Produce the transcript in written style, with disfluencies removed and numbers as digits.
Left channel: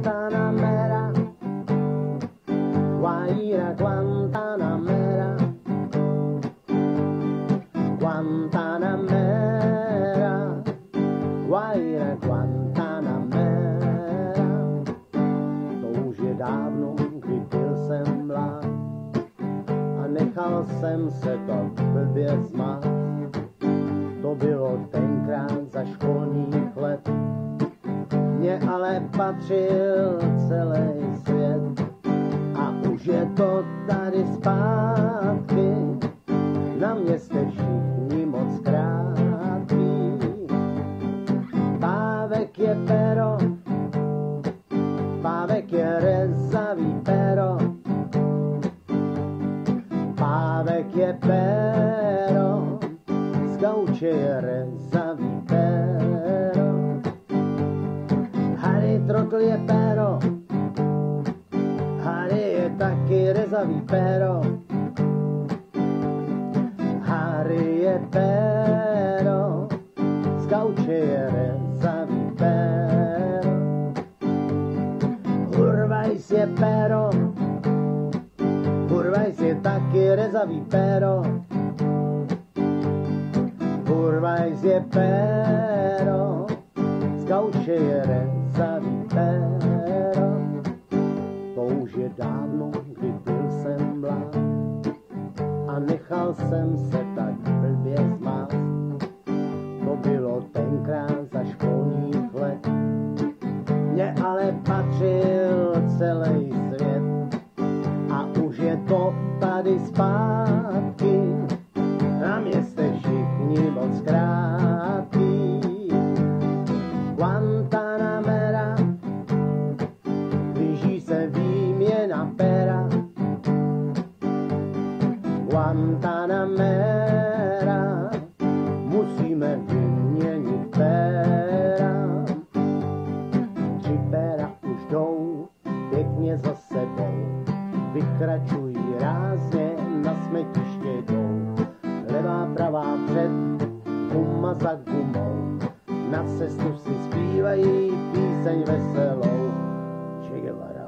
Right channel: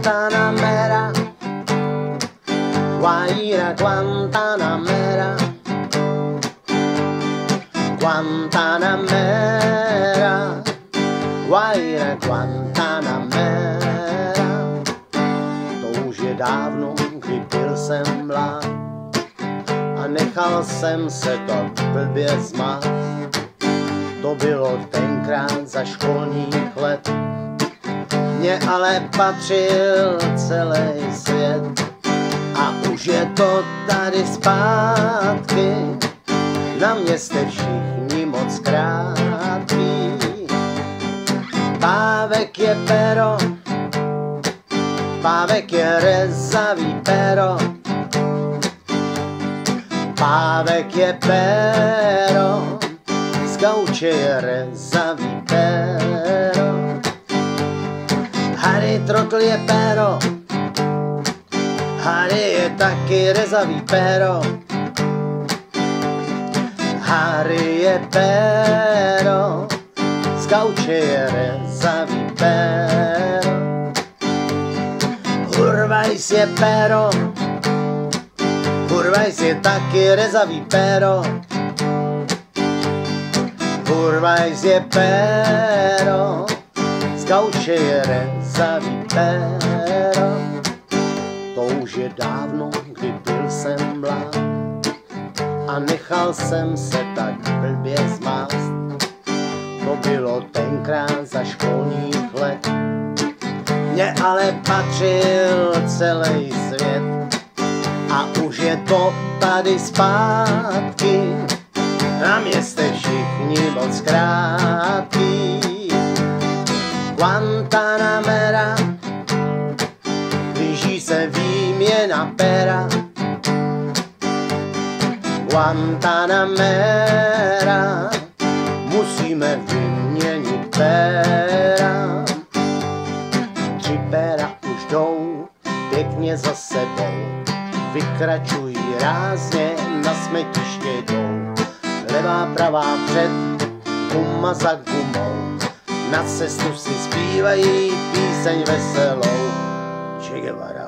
Guantanamera, Guaira Guantanamera, Guantanamera, Guaira Guantanamera. To už je dávno, kdy byl jsem mlád a nechal jsem se to blbě zmát. To bylo tenkrát za školních let, mně ale patřil celý svět. A už je to tady zpátky, na mě jste všichni moc krátký. Pávek je pero, pávek je rezavý pero, pávek je pero, z gauče je rezavý pero. Harry Trotl je pero, Harry je taky rezavý pero. Harry je pero, z gauče je rezavý pero. Hurvajs je pero, Hurvajs je taky rezavý pero. Hurvajs je pero, z gauče je rezavý pero. To už je dávno, kdy byl jsem mlád a nechal jsem se tak blbě zmást. To bylo tenkrát za školních let, mně ale patřil celý svět. A už je to tady zpátky, na mě jste všichni moc krátký. Guantanamera, blíží se výměna pera. Guantanamera, musíme vyměnit pera. 3 pera už jdou pěkně za sebou, vykračují rázně, na smetiště jdou. Levá, pravá před, guma za gumou, na cestu si zpívají píseň veselou. Che Guevara.